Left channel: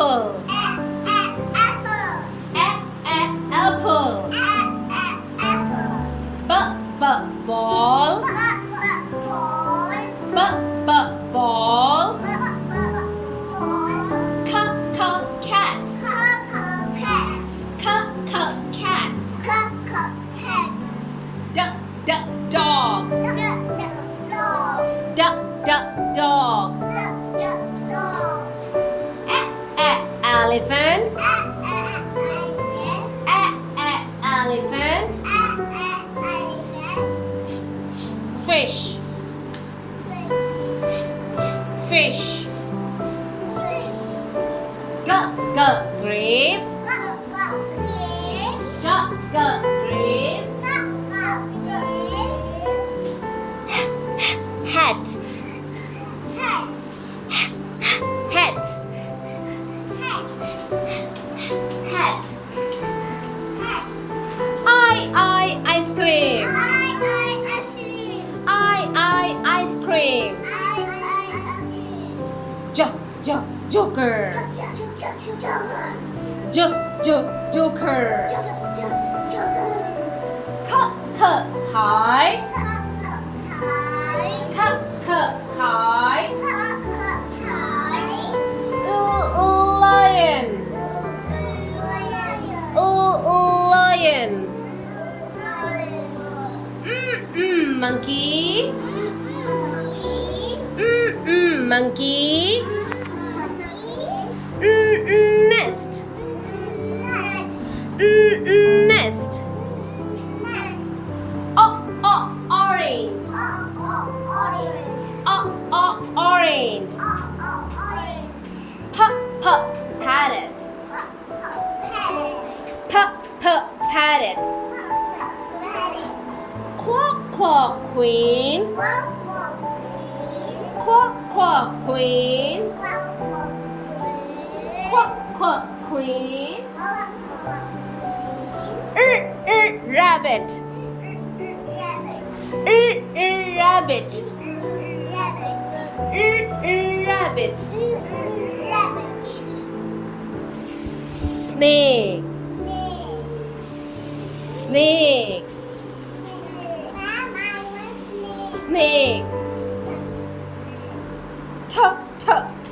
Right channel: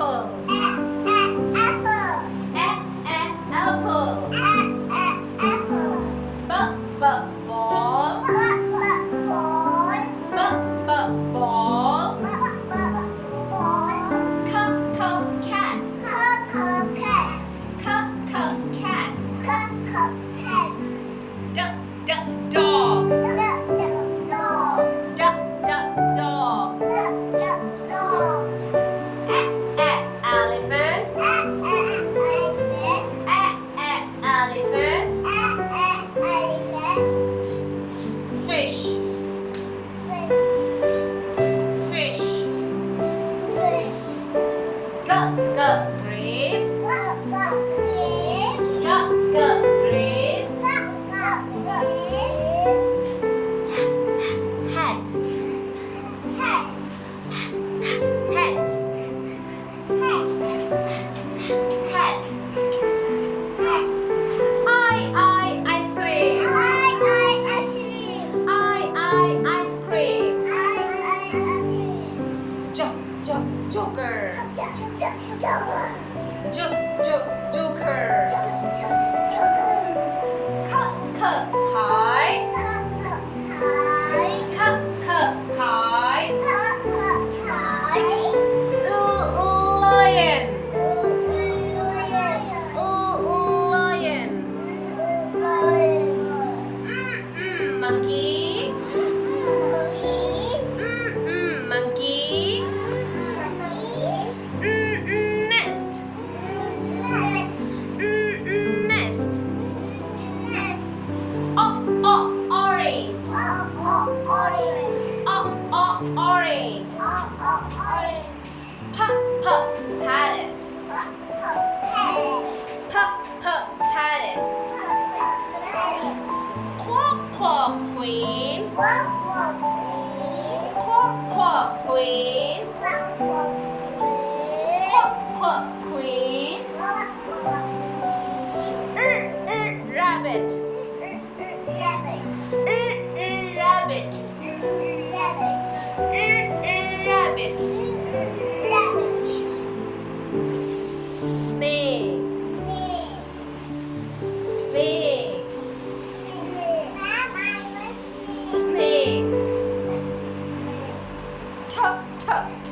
apple. Apple. Ball. Ball. Cat. Dog. Dog. Elephant. Elephant. Fish. Grapes. Grapes. Hat. Ice cream. Ice cream. Joker. Joker. Lion. Monkey. Monkey. Nest. Orange. Orange. Parrot. Parrot. Queen. Queen. Queen. Rabbit. Rabbit. Snake.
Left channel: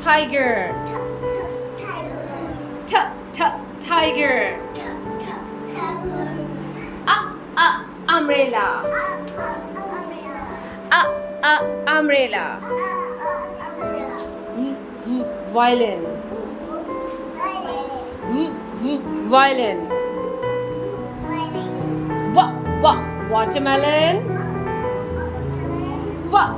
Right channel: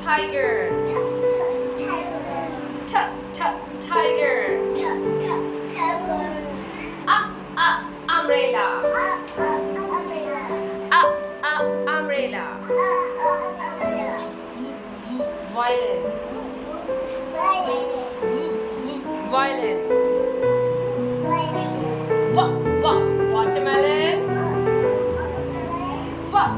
Tiger. Tiger. Umbrella. Umbrella. Violin. Watermelon. What?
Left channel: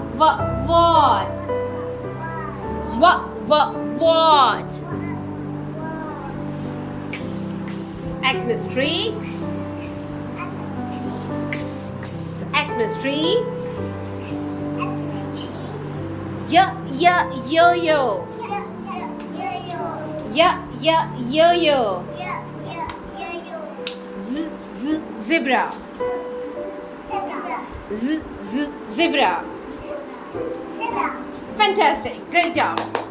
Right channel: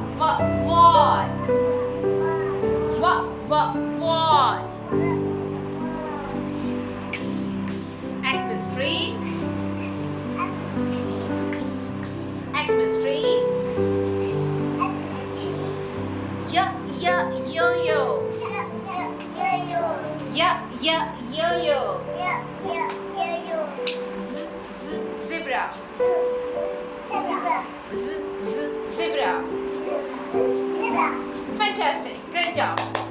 Xmas tree. Xmas tree. Yo-yo. Yo-yo. Zebra. Zebra. Fantastic. Great job.